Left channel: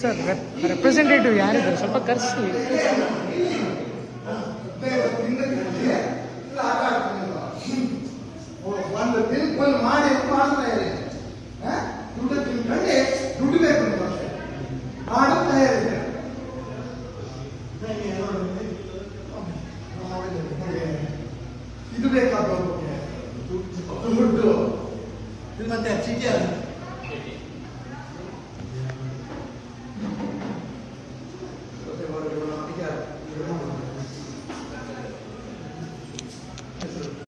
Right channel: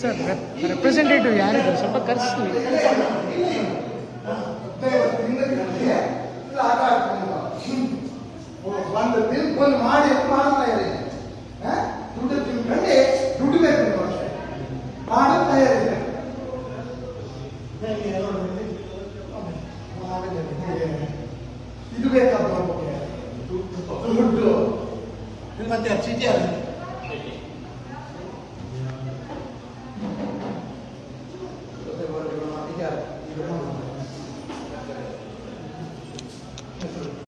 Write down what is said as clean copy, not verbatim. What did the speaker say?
Sir representative ಯಾರಿದ್ದಾರೆ ಸ್ವಲ್ಪ ಕರೆಸಿ. ಒಂದು ತಿಳ್ಕೊಂಡು ಮಾಡಿ ಮಾಡ್ತಾ ಇದೆ, ದುಡ್ಡು ತಿಳ್ಕೊಂಡೆ ದುಡ್ಡು ಬೇಕು ಮಾಡುತ್ತಾ ಇದೆ. ಇದು ಬೇಕಾದ ದುಡ್ಡು ಮತ್ತೆ